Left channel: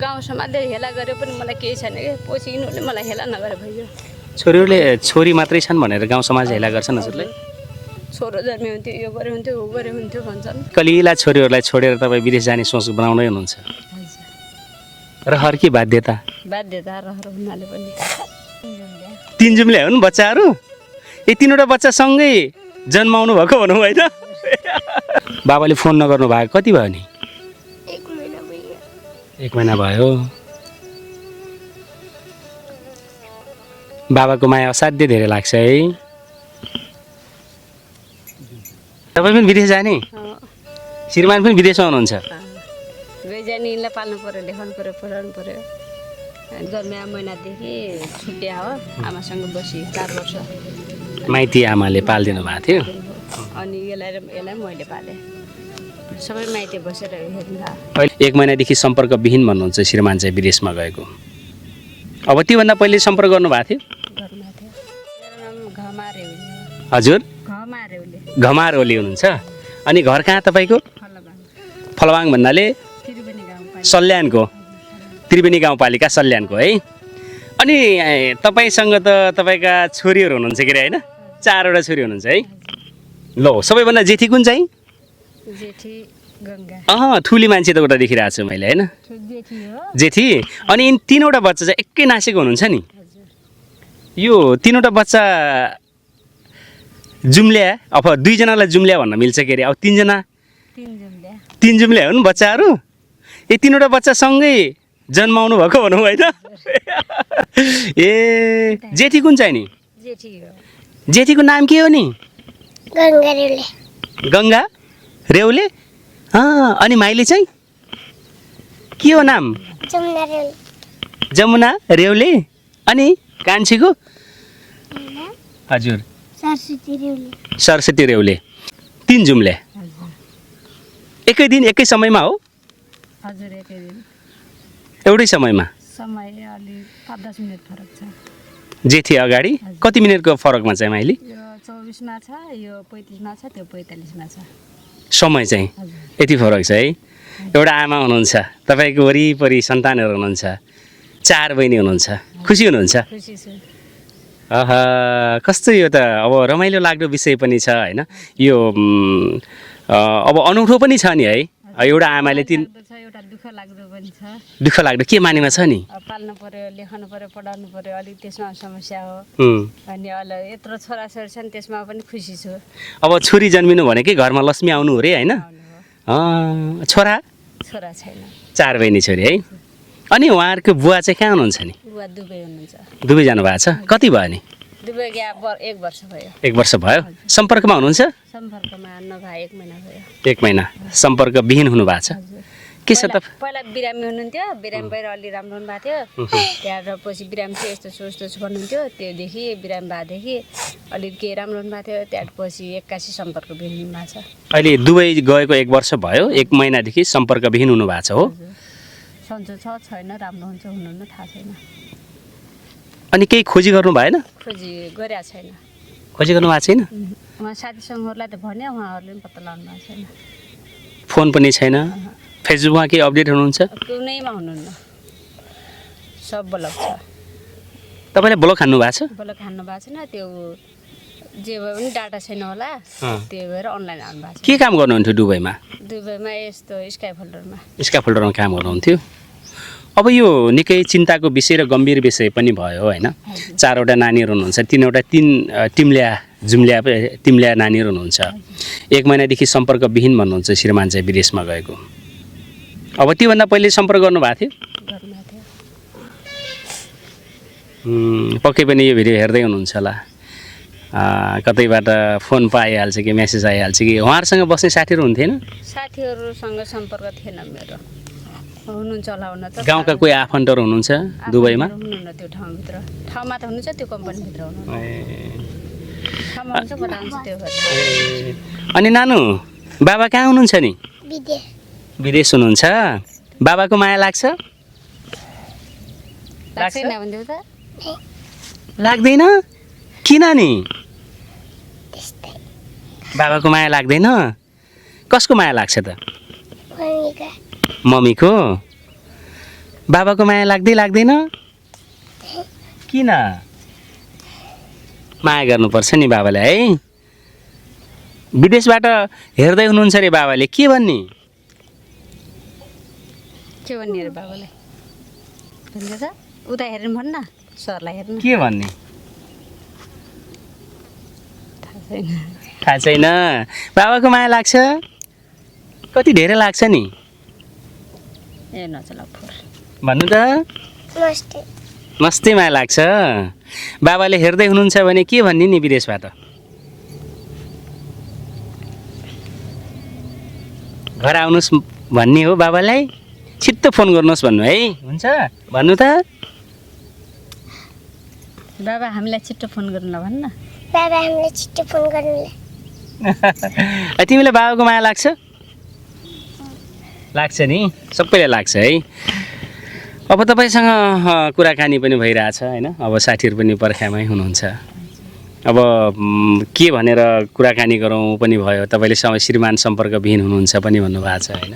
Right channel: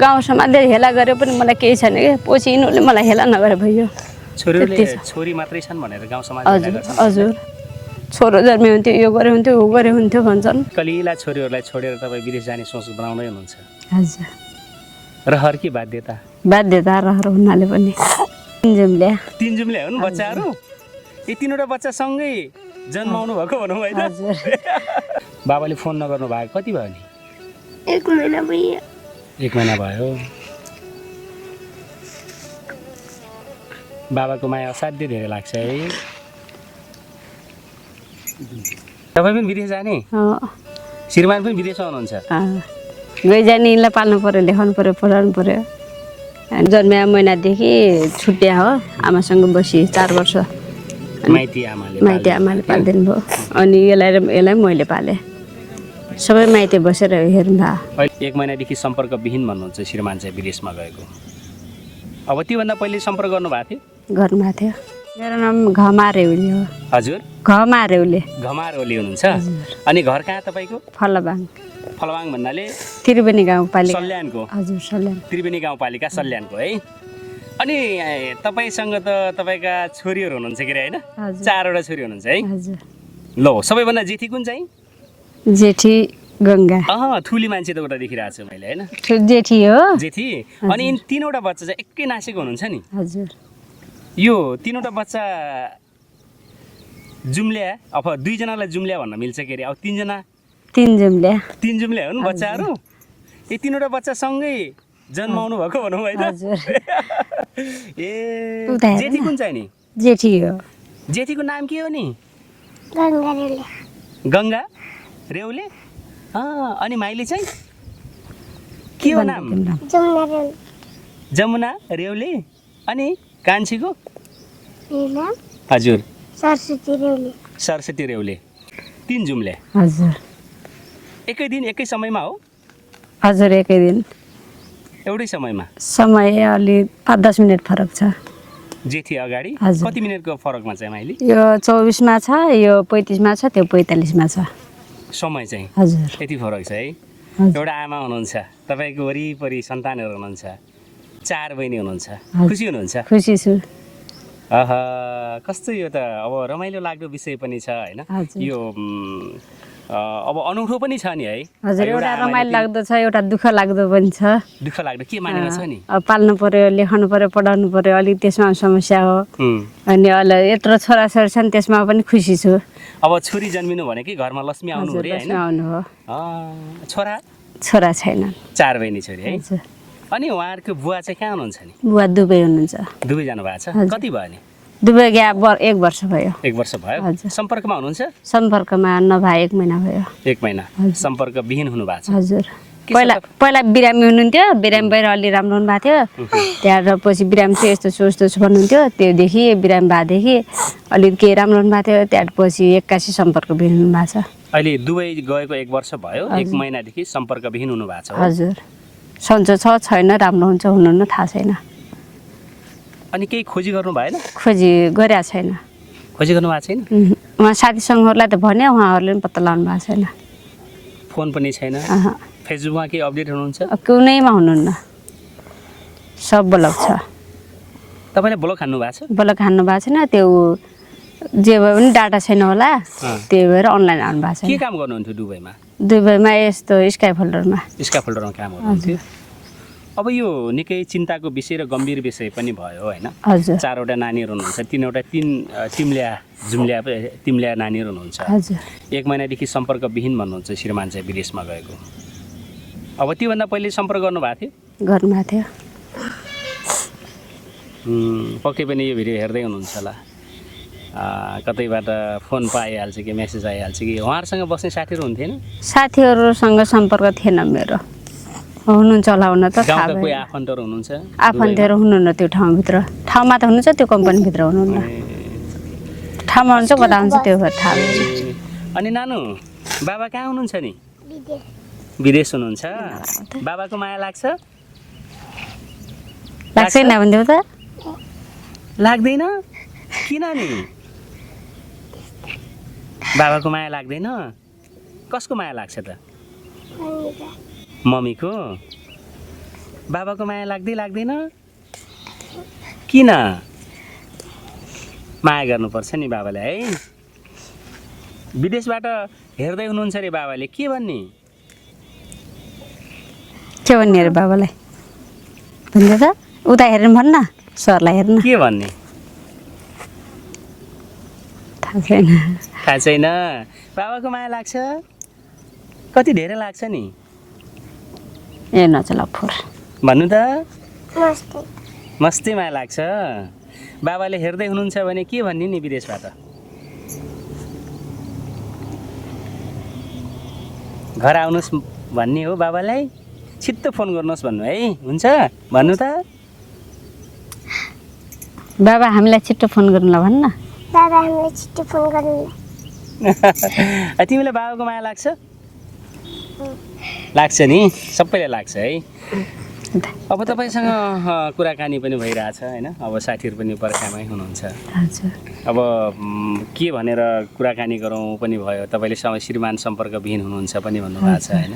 गाउँ समाजले हेला गरे पनि मलाई केही छैन के पछि यिनीहरूले मलाई हेला नगरे भयो छोरीहरूले छोरी मात्रै छन् भनेर गाउँ समाज हेला गर्छन् हजुर छोरो जन्मे हुन्थ्यो यो गरे हुन्थ्यो ऊ गरे हुन्थ्यो भन्छन् कलिला छोरीहरूलाई छोडेर तपाईँ विदेश जाने सोच बनाउँदै हुनुहुन्छ हजुर रहर कि बाध्यता बाध्यता रहर हुनाले पनि तिन जुम्ले हुन् बच्चाहरू ए तीनवटा बच्चा सँगै जन्माउनु भएको भनौँ होइन बाबाले फोन नगर्नु भएको कति भयो नि 1 महिना भयो 1 महिना भयो बाबाको माया असाध्यै धेरै लाग्छ है तपाईँ पनि विदेश जाने श्रीमान पनि विदेशमा हुनुहुन्छ गइजाने यिनलाई पाल्नु पऱ्यो लेखाउनु पऱ्यो पढाउनु पऱ्यो जन्मिया महिनादेखि छुट्या हो आमासँग बसी 4 वर्ष माइती आमाले पालिदिनु भयो अनि यसलाई मैले पालेँ सबै माइती बसेर हेर्दा 1 महिनादेखि सम्पर्क विहीन भन्नुहुन्छ श्रीमान चाहिँ विदेशमा गएको अब त्योभन्दा पहिले सम्पर्क गर्नुभएको थियो गर्नुभएको थियो मेरो नाम घमा रेउली हो हजुर घमा रेउली घमार ओली हुनुहुन्छ अनि घर कहाँ तपाईँको फलबाङ फलवाङ भन्नाले त्रिवेणी गाउँपालिका सल्यानको हजुर सल्यान त्रिवेणी गाउँपालिका सल्यानको है अनि तपाईँसँग त तपाईँका छोरीहरू हुनुहुन्छ के अरे होइन 4वटा छोरी हुनुहुन्छ है ल सबैभन्दा जेठी कुन चाहिँ जेठी गङ्गा ठुली मान्छे त उता देखिरहेको छु मैले होइन जेठी हो जेठी अनि यिन 3वटा बच्चा चाहिँ एकै नासेको हुनुहुन्छ नि हजुर यो 3वटा बच्चा जुम्ल्या अब 2जनालाई जुम्ल्या भन्न मिल्छ के अरे अब 3जना 3 जुम्ल्या हुन् बच्चाहरू ए 3वटा बच्चा सँगै जन्माउनु भएको भनौँ होइन ए जेठी कुन चाहिँ नि जेठी हो जेठीको नाम के हो नि गङ्गा रेउले अनि माइली चाहिँ के हो नाम जमुना रेउले अनि कान्छीको हजुर सरस्वती रेउले 3 जुम्ले हजुर एकै दिन एकै समयमा हो हजुर एकै दिन एउटै समयमा समय अलि 5-10 मिनट फरक छ जेठी अगाडि कति मिनटको फरकमा चाहिँ माइली यो 24 मा छ यो 35 मा छ त्यो 45 मा छ समय चाहिँ हजुर यति फरक छ है एउटा आमा हुनुहुन्छ तपाईँको वरिपरि सन्तानहरू हुनुहुन्छ 4 बहिनी हुनुहुन्छ खुसी हुनुहुन्छ खुसी छु कस्तो यो त अब रमाइलो लाग्दो विषय पनि छ होइन यो अब अनौठो पनि छ नि है एउटा आमाले लाग्दो छ एउटा दुःख लाग्दो पनि छ दुःख लाग्दो के मानेमा छ नि अब पाल्नु पर्यो लेखाउनु पर्यो पढाउनु पर्यो अलि त्यसमा समस्या हो अनि अलि यत्रो छोराछोरी छन् त्यसमा पनि खुसी छु अब छोरी जन्मिनु भनेकै घरमा लक्ष्मी आउनु हो रे होइन छोरा छोरा छैन 4 बहिनी छोरी है अनि उहाँहरूको बुवा चाहिँ कहाँ हुनुहुन्छ नि बुवा दुबई हुनुहुन्छ दुबई जानु भएको छ कति भयो नि दुबई गया 1 वर्ष भयो 1 वर्ष भयो सम्पर्कमा हुनुहुन्छ सम्पर्कमा नभए 1 महिना भयो 1 महिना सम्पर्क विहीन हुनु भएको छ हजुर पहिला बिरामी हुनुहुन्थ्यो बिरामी भएर अलि राम्रो हुनुभएको थियो त्यहाँबाट पछि बिरामी चाहिँ यस्तो छु यस्तो छु भन्नुहुन्थ्यो त्योदेखि बिरामी भएदेखि अलिक केही राम्रो हुनुभएको थियो त्यहाँबाट पछि 81 सम्पर्क विहीन हुनुभएको छ अहिले दुबई गएको 1 वर्ष भयो 1 महिनादेखि सम्पर्क विहीन हुनु भएको छ हो हजुर सन्चो छ छैन राम्रो हुन्छ हुनुहुन्न थाहा छैन अनि केही खोजी गर्नु भएन खोजी गरेको छैन खोजी गर्नु भएको छैन उहाँ साथीसँगहरूलाई त भने उहाँहरूले पनि पत्ता लगाउनु भएको छैन फोन पनि छैन फेसबुकमा केही अपडेट हुनुहुन्छ कुनैमा हुनुहुन्न सब ब्लक छ तपाईँले ब्लक हान्नु भएको छ ब्लक हान्नु भएको छैन त्यो जे भए पनि डाटा छैन होला त्यही भएर अनलाइन आउनु भएको छ के काम गर्नुहुन्थ्यो दुबईमा यस्तो स्काई फोल्डरमा काम गर्नुहुन्थ्यो अब यो निकै चिन्ताको विषय र गम्भीर विषय पनि भयो होइन 4वटा नानीहरू हुनुहुन्छ 3 तिम्ल्या नानीहरू हुनुहुन्छ 1 महिनादेखि सम्पर्क विहीन भन्नुहुन्छ श्रीमान चाहिँ विदेशमा गएको अब त्योभन्दा पहिले सम्पर्क गर्नुभएको थियो पक्कै पनि यो भिडियो हेर्दै हुनुहुन्छ होला कतैबाट फोन पाइहाल्छ कि मेसेज आइहाल्छ कि उहाँहरूसँग बस्ने साथीहरू हुन्थेन साथीहरूसँग सम्पर्क थिएन मेरो हुनुहुन्छ होला हुन त गाउँका कोही आफन्तहरू हुनुहुन्छ आफन्तहरू हुनुहुन्न त्यो ठाउँमा त हुनुहुन्छ त्यो कम्पनीभित्र हुनुहुन्न ठाउँमा हुन्छ कता हुन्छ त्यो थाहा अनि नानु बाबा कहाँ हुनुहुन्छ नि विदेश हुनुहुन्छ बाबाको माया लाग्छ लाग्दैन भन्दियो त लाग्दैन किन नि बाबाको माया लाग्दैन कसको माया लाग्छ त मम्मीको बाबाको माया लाग्दैन किन माया गर्नुपर्छ नि बाबालाई है विदेशबाट हेर्दै हुनुहुन्छ रे बाबाले के भन्ने अरे बाबालाई भन्दै त उता हेर्नु भन्न सरलाई हेर्नु के भन्ने थाहा छैन बाबाको माया लाग्छ कति धेरै लाग्छ नि ए नचला फोर भन्नु त नमस्ते मस्तै माया लाग्छ बाबाले हेर्दै हुनुहुन्छ भने के भन्ने नि विदेशबाट घर आउनुहोस् भन्ने हो बाबालाई छिट्टो फोन गर्नुहोस् भन्नु है हुन्छ भन्नु त बाबा हामीलाई छिट्टो फोन गर्नुला भन्न बाबा हामीलाई छिट्टो फोन गर्नुलाई तिमीलाई बाबाको माया लाग्छ लाग्छ नि सबैलाई लाग्छ है अब तपाईँसँग कुराकानी पनि भइरहेछ होइन अब साथीहरू पनि पर्खामै हुनुहुन्छ अब के भनेर कुराकानी गरौँ पनि भयो तपाईँले श्रीमान सम्पर्कविहीन हुनुहुन्छ पनि भन्नुभएको छ होइन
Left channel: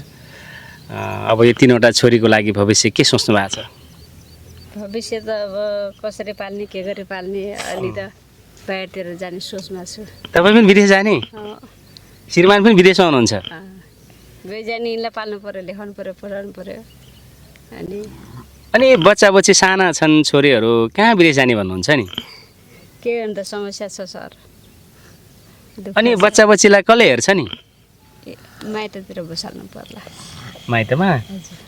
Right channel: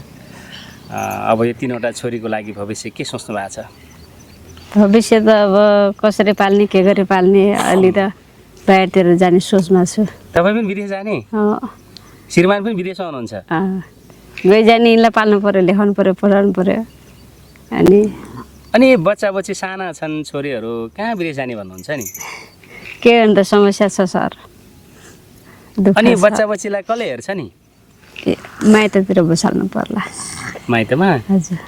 अब यो 3वटा छोरीको लागि भविष्य के सोच्नु भएको छ भविष्य त अब कसरी पाल्ने के गरी पाल्ने अलि त बाहिरतिर जाने सोचमा छु तपाईँ पनि विदेश जाने श्रीमान पनि विदेशमा हुनुहुन्छ गइजाने यिनलाई पाल्नु पऱ्यो लेखाउनु पऱ्यो पढाउनु पऱ्यो अनि बच्चा साना छन् छोरीहरू कहाँ विदेश जाने भन्नुहुन्छ नि के अन्त समस्या छ सर अनि बच्चालाई कसले हेर्छ नि माइततिर बसाल्नु पर्ला माइतमा हजुर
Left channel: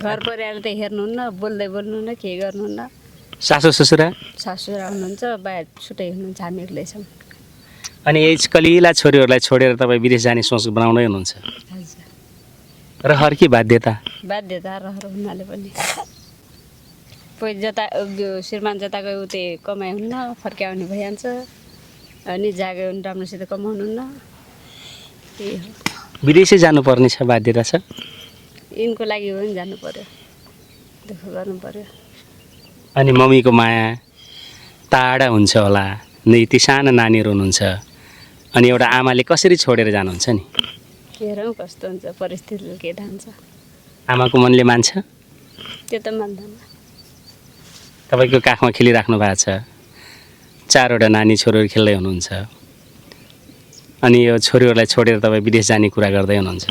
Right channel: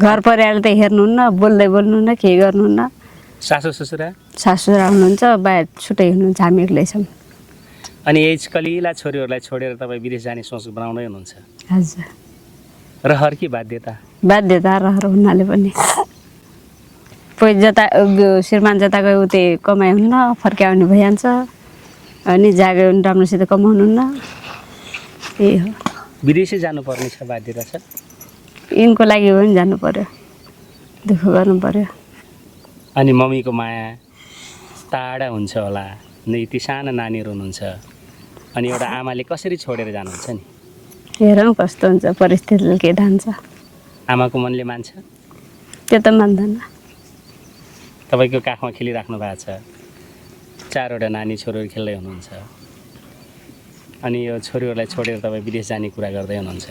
घर परिवार त हेर्नुहुन्न बोल्नुहुन्न के गर्नुहुन्न सासु ससुरा हुनुहुन्छ बाहिर छुट्टै हुनुहुन्छ हामी एक्लै छौँ अनि यस कलिला छोरीहरूलाई छोडेर तपाईँ विदेश जाने सोच बनाउँदै हुनुहुन्छ हजुर रहर कि बाध्यता रहर हुनाले पनि जता श्रीमान जता गयो उतै कमाइ हुन्न फर्काउने भइहाल्छ अनि जागे राम्रोसित कमाउनुहुन्न त्यही हो विदेशै जानुपर्ने छ बाध्यता छ यिनको लागि हो नि जानु पर्यो दुःख गर्नु पर्यो अनि मम्मीको माया टाढा हुन्छ होला नै ती साना नानीहरू हुनुहुन्छ अनि एउटा आमाले कसरी छोडेर जानुहुन्छ नि हेरौँ कस्तो हुन्छ परिस्थितिले के ठान्छ आमाको मनले मान्छ त्यो त मान्दैन तपाईँको काखमा खेलिराख्नु भएको छ 4वटा नानी छोरीहरू खेल्दै हुनुहुन्छ अनि यो छोरीहरूलाई छोडेर तपाईँ विदेश जाने कुरा गर्दै हुनुहुन्छ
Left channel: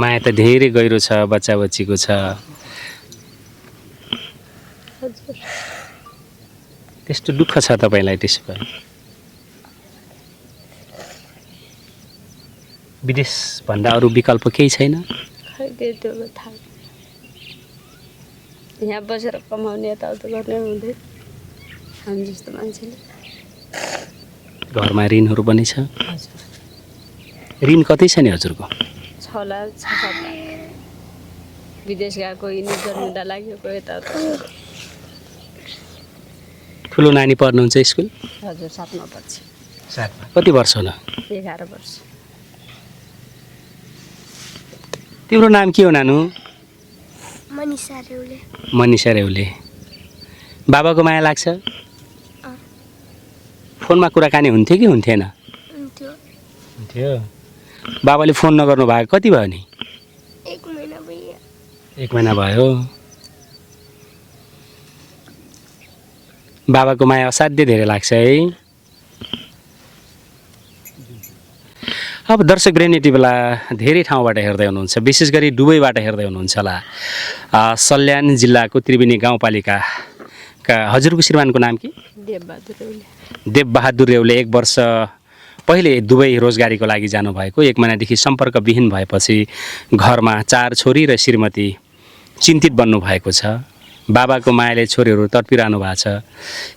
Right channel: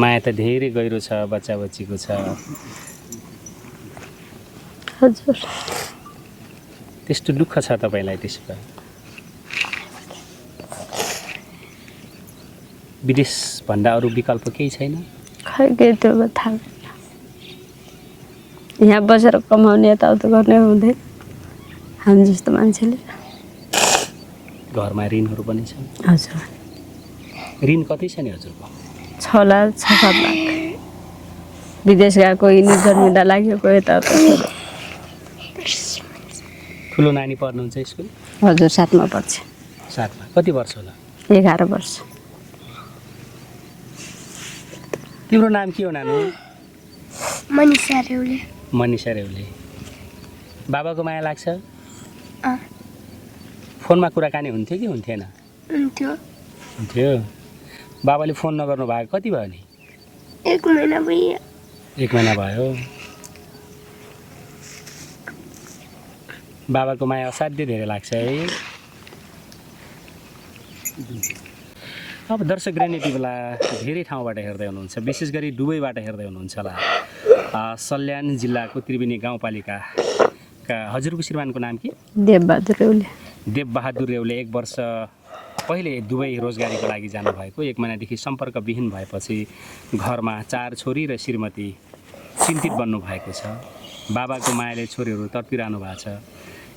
माया त धेरै गहिरो छ बच्चाको छ हजुर त्यस्तो दुःख छ तपाईँलाई त्यसो भए विदेश भन्दा अरू विकल्प केही छैन खै के त्यो थाहा यहाँ बसेर कमाउने यताउता गर्ने हुँदैन हामी जस्तो मान्छेले घरमा ऋणहरू पनि छ हजुर ऋण कति छ नि हजुरको 6 लाख 6-7 लाख विदेश गएको यिनी जन्मिँदा लागेको यताउता ठुलो नानी पढ्नुहुन्छ स्कुल हजुर 7मा पढ्छ 7मा कति वर्ष होला 11 वर्ष तिम्रो नाम के हो नानु मनिषा रेउले बाबाको माया लाग्छ फोनमा कुराकानी हुन्थ्यो कि हुन्थेन हुन्थ्यो बाबाले फोन नगर्नु भएको कति भयो नि 1 महिना भयो 1 महिना भयो बाबाको माया असाध्यै धेरै लाग्छ है अब दर्शक यति बेला धेरै ठाउँबाट हेर्दै हुनुहुन्छ विशेष गरी दुबईबाट हेर्दै हुनुहुन्छ होला सल्यान जिल्लाको त्रिवेणी गाउँपालिकाका हजुरको श्रीमानको नाम के देवबहादुर रेउले 1 वर्ष पहिले दुबई रोजगारीको लागि जानुभएको 1 महिनादेखि सम्पर्कविहीन भएपछि घरमा 4 छोरी र श्रीमती चिन्तित बन्नु भएको छ बाबाको मायाले छोरीहरू तडपिरहनु भएको छ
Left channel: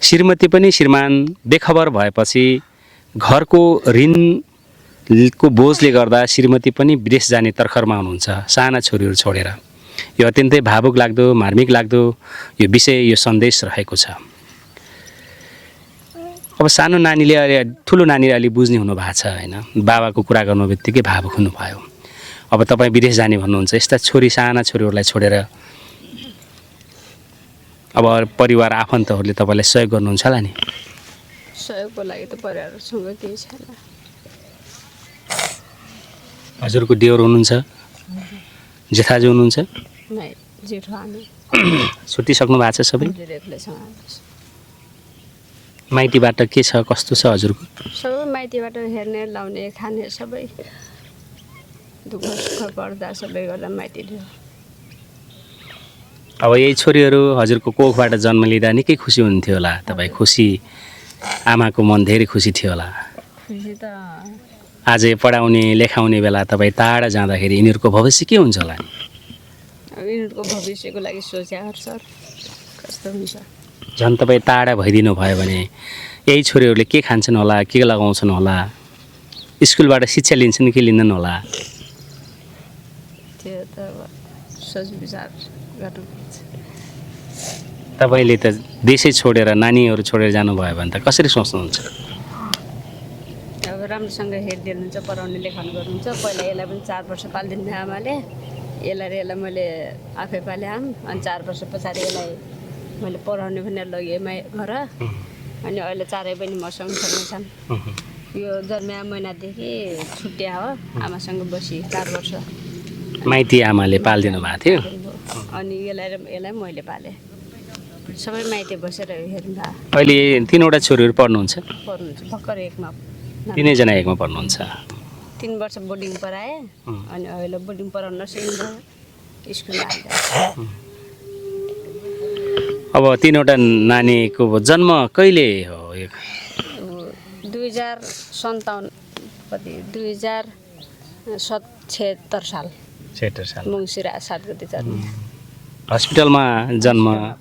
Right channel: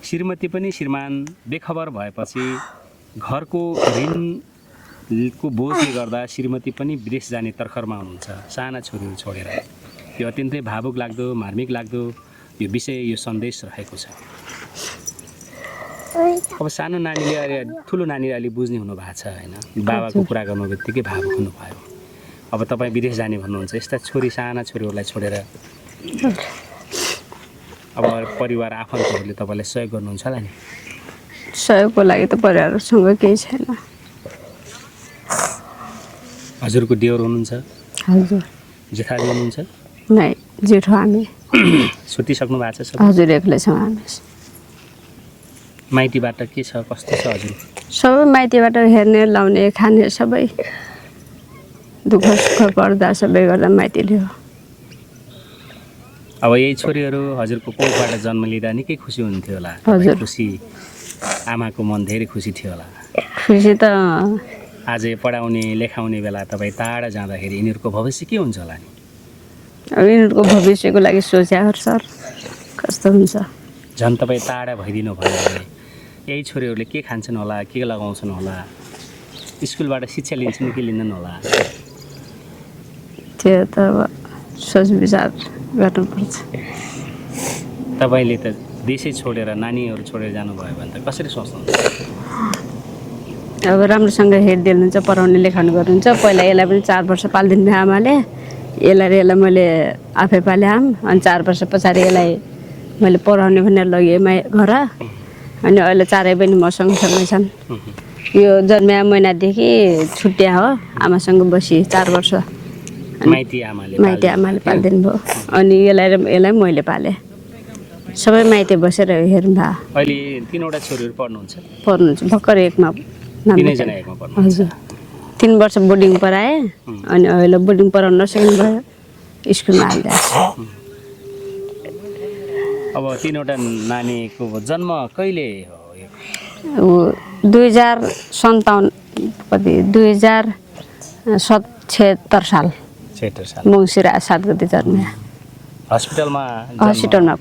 श्रीमती पनि श्रीमान बेखबर भएपछि घरको ऋणको बोझले गर्दा श्रीमती पनि विदेश जाने तर्खरमा हुनुहुन्छ साना छोरीहरू छोडेर यो अत्यन्तै भावुक लाग्दो मार्मिक लाग्दो यो विषय यो सन्देश रहेको छ अब सानो नानीले ठुलो नानीले अलि बुझ्ने हुनु भएको छ हैन बाबाको कुरा गर्नु बित्तिकै भावुक हुनुभयो अब तपाईँ विदेश जाने भन्नुहुन्छ यस्ता साना छोरीहरूलाई छोडेर अब परिवार आफन्तहरूले तपाईँलाई सहयोग गर्नुहुन्छ होला नि सहयोगको लागि त परिवारसँग केही छैन हजुरको देवर हुनुहुन्छ हजुर जेठाजु हुनुहुन्छ नै जेठो हामी छुट्टिसक्नु भएको छ सबै हजुर एक्लै छौँ हामी माइतीबाट के छ कस्तो छ हजुरको सबै माइतीबाट हेर्ने लाउने खाने सबै दुःख सुख पर्दा सबै गर्दा माइतीले हो अब यही छोरीहरू हजुरको कोखबाट जन्म लिँदा निकै खुसी हुन्थ्यो होला तपाईँ हजुर। खुसी आमाको मन धेरै खुसी थियो होला खुसी त आज पढाउने लेखाउने बेला तपाईँ टाढा जाँदाखेरि यिनीहरूको भविष्य के हुन्छ होला अब यिनीहरूको भविष्यको लागि सोच्याहरू सर कस्तो हुन्छ झन् तपाईँ टाढा भइदिनु भयो भने यही छोरीहरूले के खान्छन् होला के लगाउँछन् होला स्कुलबाट शिक्षा लिन्छन् कि लिँदैन होला त्यो त अब सोच विचार गर्नुपर्छ तपाईँले त देशै छोडेर नानीहरू छोडेर जानुभयो भने त कसरी सोच्नुहुन्छ अब राम्रोसँग हेरिदिनुहुन्छ पढाउने लेखाउने गर्नुहुन्छ पहिला यसलाई पनि 4 वर्ष पालिदिनु भयो आमाले यसलाई मैले आफै पाले आम अनि 4 वर्ष पछाडि यसलाई मैले पढाउने भनेर लगेँ घर अनि अहिले चारै पनि मसँग सँगै छन् यो जन्मिया महिनादेखि छुट्या हो आमासँग बसी 4 वर्ष माइती आमाले माइती आमाले पालिदिनु पालिदिनु भयो अनि यसलाई मैले पालेँ सबै माइती बसेर हेर्नु भयो अहिले 3वटा छोरीहरू पढ्नुहुन्छ पढ्नुहुन्छ भर्खर एकमा नाम 3जना एकमा पढ्नुहुन्छ 3 वर्ष बोर्डिङ पढाएँ अनि अहिले बोर्डिङ पढाउन नसक्नु भयो स्कुलमा हालिदिएँ अब 3वटा नानीको जन्म कहिले हो यो? 2057 कति 2076 साल मङ्सिर 7 गते जन्मिया हस्पिटलमा जन्म हस्पिटलमा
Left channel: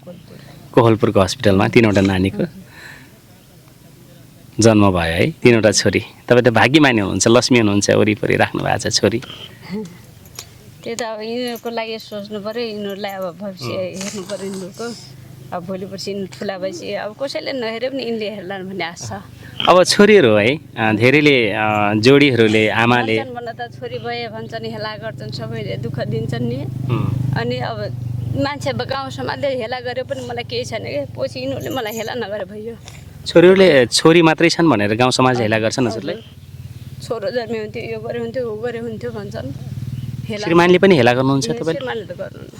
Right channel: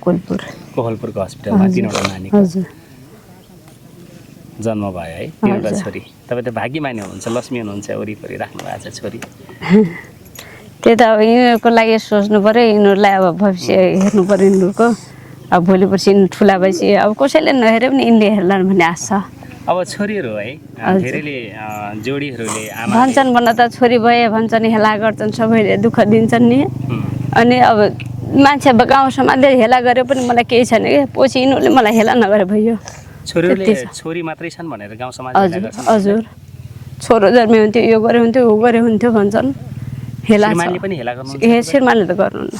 कोहलपुरको हस्पिटलमा 3वटा नानीको हजुर जन्म भयो है 3वटा छोरी तपाईँ त भाग्यमानी हुनुहुन्छ लक्ष्मी हुनुहुन्छ वरिपरि राख्नु भएको छ छोरी त्यही त अब यिनीहरूको लागि सोच्नु पऱ्यो यिनीहरूलाई अब भविष्य हेर्नु पऱ्यो यिनीहरूको अब भोलि पर्सि यिनीहरू ठुला भएपछि अब कसैले नहेरे पनि यिनले हेर्लान् भन्ने आश छ अब छोरीहरू है धेरैले जोडीहरूले आमाले भन्छन् भन्न त छोरी भए भन्छन् हेला गर्छन् सबैले दुःख दिन्छन् नि अनि अब मान्छे अब गाउँ समाजले हेला गरे पनि मलाई केही छैन कि पछि यिनीहरूले मलाई हेला नगरे भयो छोरीहरूले छोरी मात्रै छन् भनेर गाउँ समाज हेला गर्छन् हजुर छोरो जन्मे हुन्थ्यो यो गरे हुन्थ्यो ऊ गरे हुन्थ्यो भन्छन् हेला श्रीमानले पनि हेला गर्नुहुन्छ ए श्रीमानले त गर्नुहुन्न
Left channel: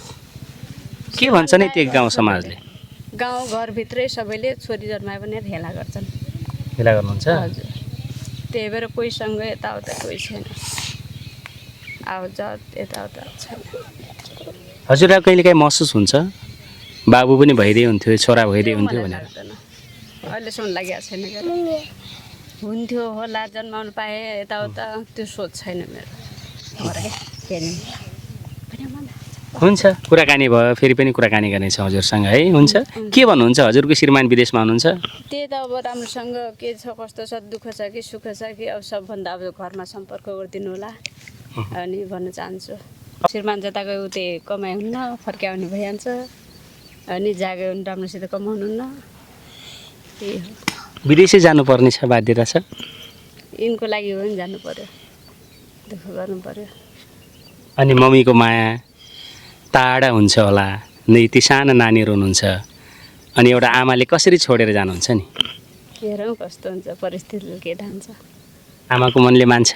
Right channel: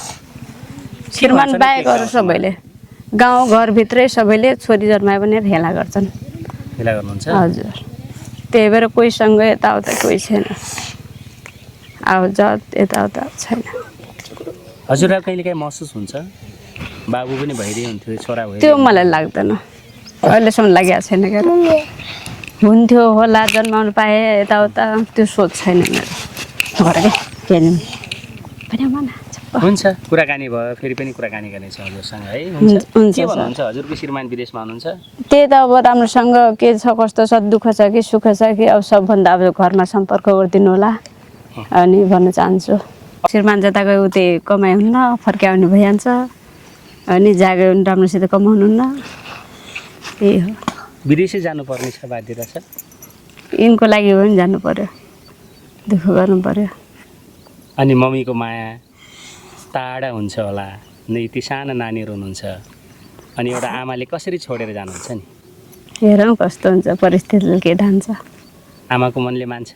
के भन्छ नि त्यो गाउँ सबैले गाउँ घरभित्रै सबैले छोरी जन्मायो भने हेला गर्छन् हेला गर्नुहुन्छ हजुर त्यही भएर कोहीसँग यताउता कोही छैन अब जात यताउता छैन हजुरलाई कहिले काहीँ महसुस हुन्छ बाबु पनि भइदिए हुन्थ्यो छोरा त्यो भइदिए मलाई लाग्दैन अहिलेसम्म लागेको छैन क्या हुन्थ्यो होला जन्माउनु पाएँ यताउता त्यो सोच छैन मेरो घरकै हुन्छ कुराकानी भयो फेरि पनि कुराकानी गर्नेछौँ हजुरसँग है हुन्छ हुन्छ के भन्नुहुन्छ हजुरको श्रीमान विदेशमा हुनुहुन्छ त्यही त अब राम्रोसँग के छ कस्तो छ दुःख छ कि सुख छ कि अब सबभन्दा अब घरमा सम्पर्क गरिदिनु होला अनि भन्न चाहन्छु श्रीमान जता गयो उतै कमाइ हुन्न फर्काउने भइहाल्छ अनि जागे पनि राम्रोसित कमाउनुहुन्न त्यही हो विदेशै जानुपर्ने छ बाध्यता छ यिनको लागि हो भने जानु पर्यो दुःख गर्नु पर्यो अनि मम्मीको माया टाढा हुन्छ होला नै ती साना नानीहरू हुनुहुन्छ अनि एउटा आमाले कसरी छोडेर जानुहुन्छ नि हेरौँ कस्तो हुन्छ परिस्थितिले के ढान्छ आमाको मनले मान्छ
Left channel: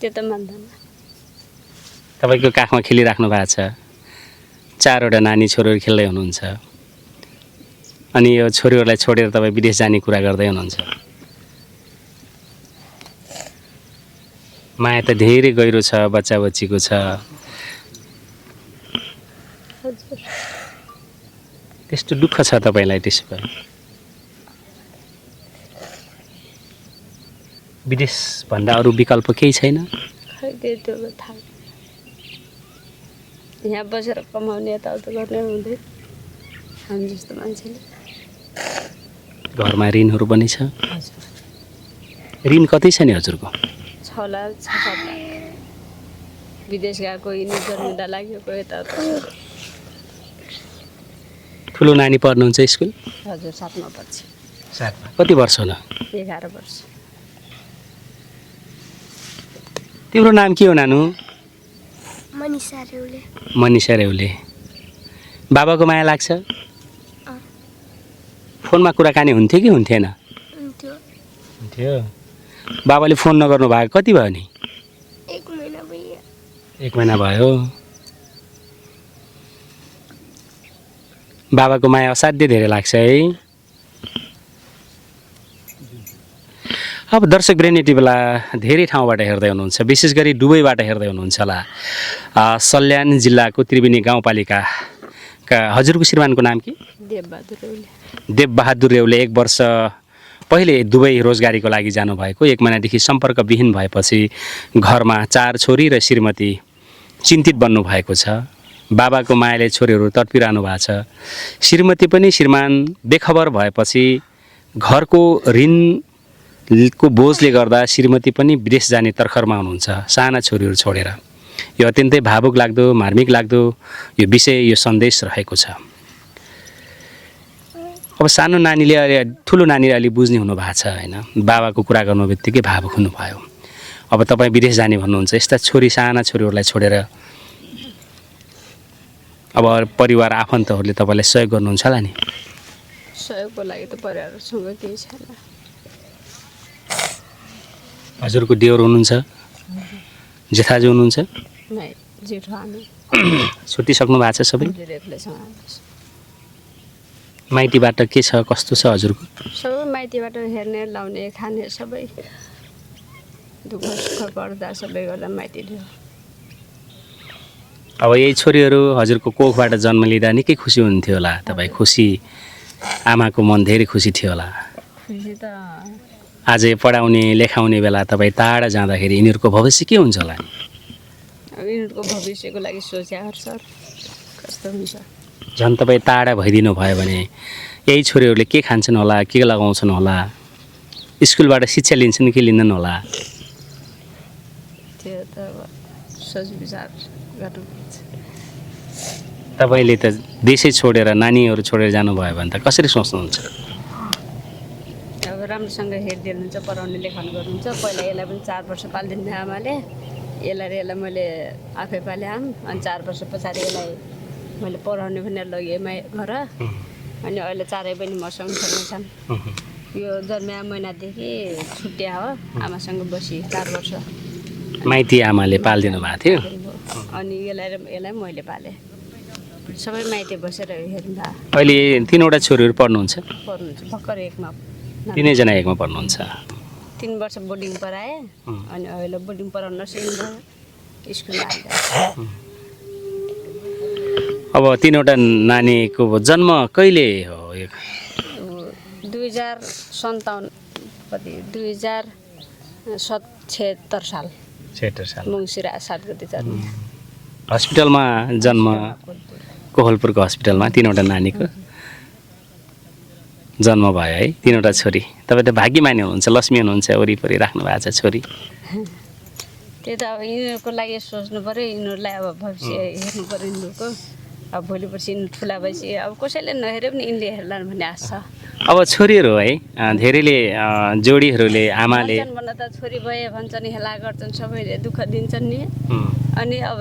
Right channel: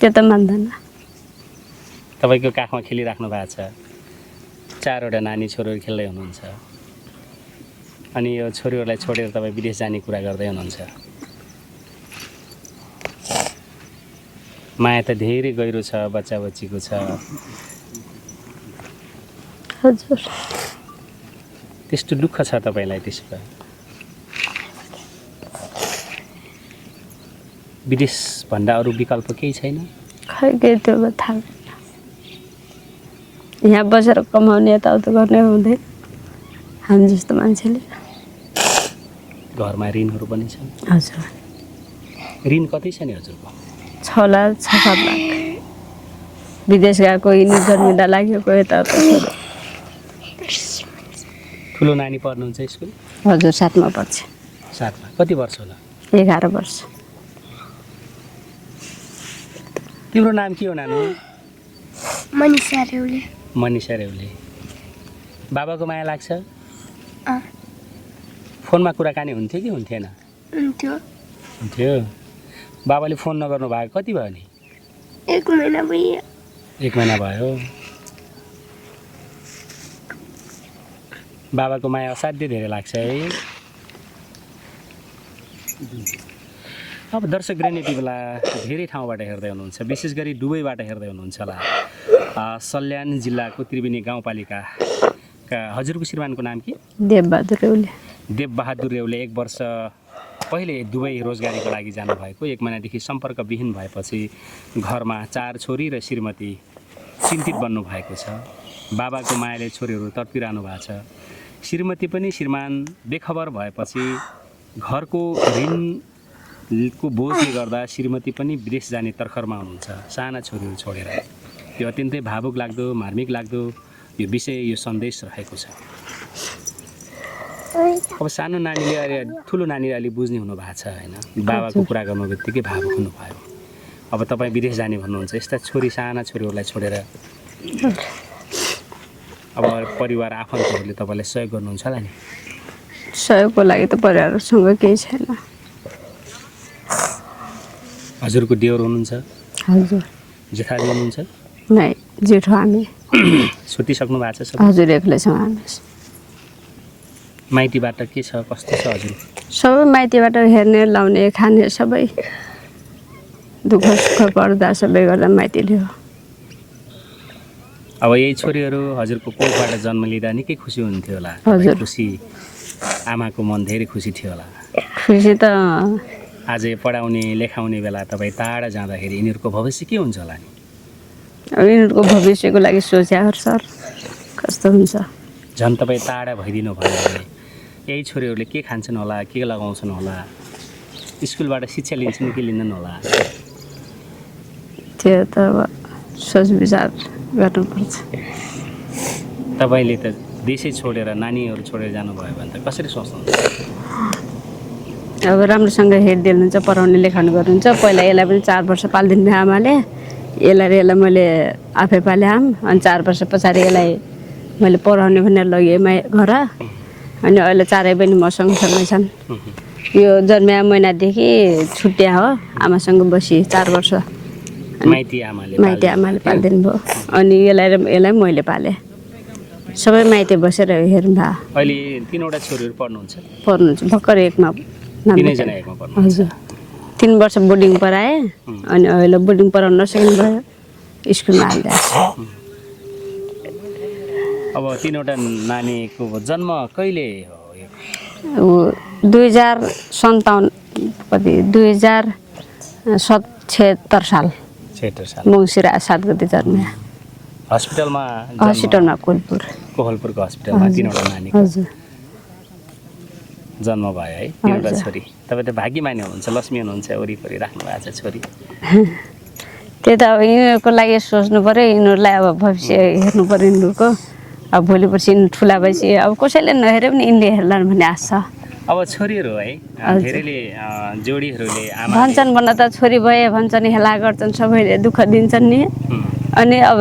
त्यो त मान्दैन तपाईँको काखमा खेलिराख्नु भएको छ 4वटा नानी छोरीहरू खेल्दै हुनुहुन्छ अनि यो छोरीहरूलाई छोडेर तपाईँ विदेश जाने कुरा गर्दै हुनुहुन्छ माया त धेरै गहिरो छ बच्चा बच्चीको छ हजुर त्यस्तो दुःख छ तपाईँलाई त्यसो भए विदेशभन्दा अरू विकल्प केही छैन खै के त्यो थाहा छैन। यहाँ बसेर कमाउने यताउता गर्ने हुँदैन हामी जस्तो मान्छेले घरमा ऋणहरू पनि छ हजुर ऋण कति छ नि हजुरको 6 लाख 6-7 लाख विदेश गएको यिनी जन्मिँदा लागेको यताउता ठुलो नानी पढ्नुहुन्छ स्कुल हजुर 7मा पढ्छ 7मा कति वर्ष होला 11 वर्ष तिम्रो नाम के हो नानु मनिषा रेउले मनिषा रेउले बाबाको माया लाग्छ फोनमा कुराकानी हुन्थ्यो कि हुन्थेन हुन्थ्यो हुन्थ्यो बाबाले फोन नगर्नु भएको कति भयो नि 1 महिना भयो 1 महिना भयो। बाबाको माया असाध्यै धेरै लाग्छ है। अब दर्शक ब्रेन यति बेला धेरै ठाउँबाट हेर्दै हुनुहुन्छ, विशेष गरी दुबईबाट हेर्दै हुनुहुन्छ होला। सल्यान जिल्लाको त्रिवेणी गाउँपालिकाका हजुरको श्रीमानको नाम के? देवबहादुर रेउले। देवबहादुर रेउले 1 वर्ष पहिले दुबई रोजगारीको लागि जानुभएको, 1 महिनादेखि सम्पर्कविहीन भएपछि घरमा 4 छोरी र श्रीमती चिन्तित बन्नुभएको छ। बाबाको मायाले छोरीहरू तडपिरहनु भएको छ। श्रीमती पनि श्रीमान बेखबर भएपछि घरको ऋणको बोझले गर्दा श्रीमती पनि विदेश जाने तर्खरमा हुनुहुन्छ साना छोरीहरू छोडेर। यो अत्यन्तै भावुक लाग्दो, मार्मिक लाग्दो यो विषय, यो सन्देश रहेको छ। अब सानो नानीले अलि ठुलो नानीले अलि बुझ्ने हुनु भएको छ होइन, बाबाको कुरा गर्नु बित्तिकै भावुक हुनुभयो। अब तपाईँ विदेश जाने भन्नुहुन्छ, यस्ता साना छोरीहरूलाई छोडेर अब परिवार आफन्तहरूले तपाईँलाई सहयोग गर्नुहुन्छ होला नि? सहयोगको लागि त परिवारसँग केही छैन। हजुरको देवर हुनुहुन्छ? हजुर। जेठाजु हुनुहुन्छ? नै, जेठो हामी। छुटिसक्नु भएको छ सबै? हजुर, एक्लै छौँ हामी। माइतीबाट के छ, कस्तो छ हजुरको? सबै माइतीबाट हेर्ने, लाउने, खाने सबै दुःख सुख पर्दा सबै गर्दा माइतीले हो। अब यही छोरीहरू हजुरको कोखबाट जन्म लिँदा निकै खुसी हुन्थ्यो होला तपाईँ? खुसी, आमाको मन धेरै खुसी थियो होला? खुसी त अझै पढाउने लेखाउने बेला तपाईँ टाढा जाँदाखेरि यिनीहरूको भविष्य के हुन्छ होला? अब यिनीहरूको भविष्यको लागि सोचेको सर कस्तो हुन्छ। झन् तपाईँ टाढा भइदिनु भयो भने यही छोरीहरूले के खान्छन् होला, के लगाउँछन् होला, स्कुलबाट शिक्षा लिन्छन् कि लिँदैन होला? त्यो त अब सोच विचार गर्नुपर्छ। तपाईँले त देशै छोडेर नानीहरू छोडेर जानुभयो भने त कसरी सोच्नुहुन्छ? अब राम्रोसँग हेरिदिनुहुन्छ, पढाउने लेखाउने गर्नुहुन्छ। पहिला यसलाई पनि 4 वर्ष पालिदिनु भयो आमाले, यसलाई मैले आफै पालेँ आम। अनि 4 वर्ष पछाडि यसलाई मैले पढाउने भनेर लगेँ घर। अनि अहिले 4 पनि मसँग सँगै छन्। यो जन्मिया महिनादेखि छुट्या हो, आमासँग बसी 4 वर्ष। माइती आमाले पालिदिनु भयो। अनि यसलाई मैले पालेँ। सबै माइती बसेर हेर्नु भयो। अहिले 3वटा छोरीहरू पढ्नुहुन्छ? पढ्नुहुन्छ, भर्खर 1मा। 3जना 1मा पढ्नुहुन्छ। 3 वर्ष बोर्डिङ पढाएँ। अनि अहिले बोर्डिङ पढाउन नसक्नु भयो, स्कुलमा हाल्दा। अब 3वटा नानीको जन्म कहिले हो? 2057 कति 2076 साल मङ्सिर 7 गते जन्मे। हस्पिटलमा जन्म? हस्पिटलमा कोहलपुरको हस्पिटलमा 3वटा नानीको जन्म भयो है। 3वटा छोरी। तपाईँ त भाग्यमानी हुनुहुन्छ, लक्ष्मी हुनुहुन्छ, वरिपरि राख्नु भएको छ छोरी। त्यही त अब यिनीहरूको लागि सोच्नु पऱ्यो, यिनीहरूलाई अब भविष्य हेर्नु पऱ्यो यिनीहरूको। अब भोलि पर्सि ठुला भएपछि अब कसैले नहेरे पनि यिनले हेर्लान् भन्ने आशा। अब छोरीहरू है धेरैले जोडीहरूले आमाले भन्छन् भन्न त छोरी भए भन्छन्, हेला गर्छन्, सबैले दुःख दिन्छन् नि। अनि अब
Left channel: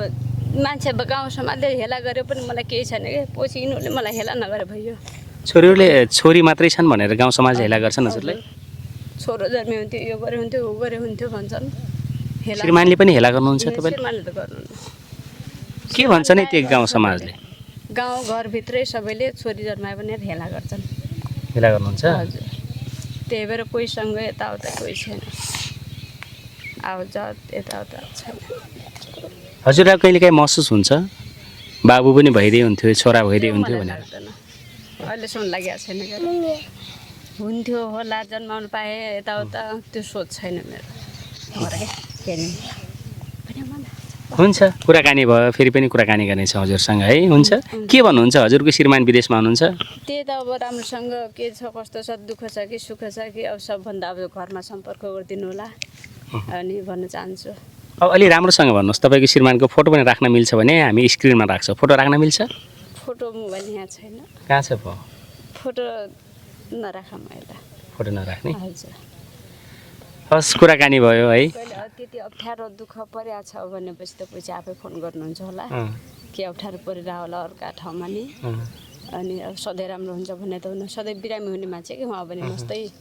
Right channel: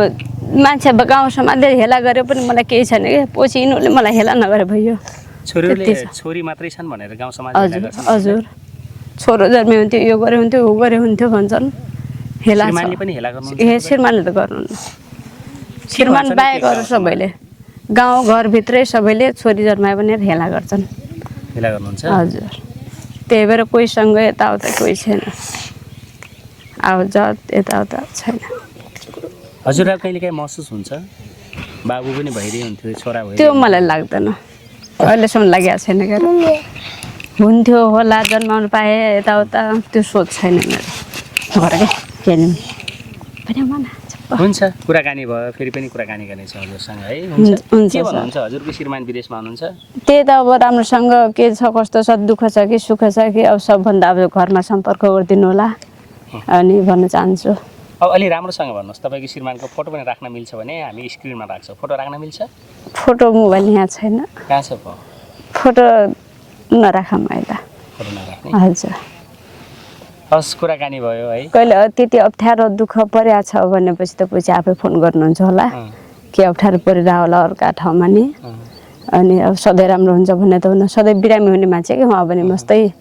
मान्छे गाउँ समाजले हेला गरे पनि मलाई केही छैन कि, पछि यिनीहरूले मलाई हेला नगरे भयो। छोरीहरूले छोरी मात्रै छन् भनेर गाउँ समाज हेला गर्छन्? हजुर, छोरो जन्मे हुन्थ्यो, यो गरे हुन्थ्यो, ऊ गरे हुन्थ्यो भन्छन्। हेला श्रीमानले पनि हेला गर्नुहुन्छ? श्रीमानले त गर्नुहुन्न। सबैले गाउँ घरभित्रै सबैले छोरी जन्मायो भने हेला गर्छन्। हेला गर्नुहुन्छ? हजुर, त्यही भएर कोहीसँग यताउता कोही छैन, आवत यताउता छैन। हजुरलाई कहिले काहीँ महसुस हुन्छ बाबु पनि भइदिए हुन्थ्यो, छोरा भइदिए? त्यो मलाई लाग्दैन, अहिलेसम्म लागेको छैन। हुन्थ्यो होला, जन्माउनु पाएँ, यताउता त्यो सोच छैन मेरो। हुन्छ, कुराकानी भयो, फेरि पनि कुराकानी गर्नेछ हजुरसँग है। हुन्छ, के भन्नुहुन्छ? हजुरको श्रीमान विदेशमा हुनुहुन्छ? त्यही त अब राम्रोसँग के छ, कस्तो छ, दुःख छ कि सुख छ कि, अब सबभन्दा अब घरमा सम्पर्क गरिदिनु होला अनि भन्न चाहन्छु। अब अलि राम्रोसँग भन्नुहोस्, तपाईँको श्रीमानको फोटो पनि राख्न मिल्छ भने हामी स्क्रिनमा राख्छौँ। फोटो राख्न मिल्छ? फोटो मोबाइल यहाँ छैन। कहाँ छ फोटो? नराखौँ अहिले। फोटो नराख्ने? हजुर। हस्, कुराकानी भयो है। कहिले त्यति अप्ठ्यारो दुःख परेको छ भनेपछि त पछि आफै फोन गर्नुहुन्छ होला, के अप्ठ्यारो परिरहेको होला अर्का ठाउँमा नि। अनि अब सधैँ राम्रो हुन्छ भन्ने त हुन, सधैँ बिरामी हुने मान्छे कि उहाँ भने मस्तै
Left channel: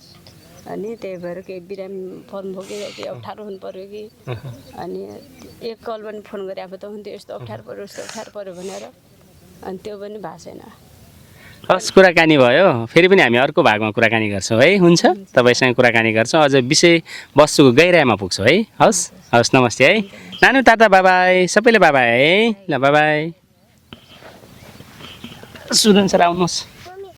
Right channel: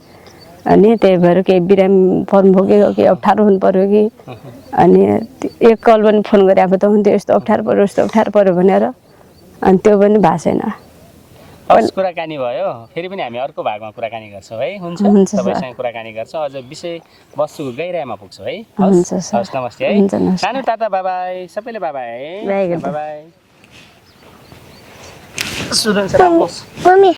अनि त्यही भएर केही बिरामी पर्नुभयो कि केही अप्ठ्यारो हुनु पऱ्यो कि अनि एक कल पनि फोन गरेको त हुन्थ्यो यस्तो अप्ठ्यारो पऱ्यो भनेर अनि त्यो पनि भएको छैन। हस् कुराकानी भयो फेरि पनि हामी अर्को भागमा कुराकानी गर्छौँ है हुन्छ हुन्छ, सर। तपाईँसँग कुराकानी गर्छौँ अझ विषय वस्तुको गहिराइमा पुग्छौँ है हस् हुन्छ, सर। हस् नमस्ते है हुन्छ, नमस्ते। नानु ताता बाबाई सबैले बाबाई है बाई, बाबाई सुरन्छ राम्रोस् मम्मी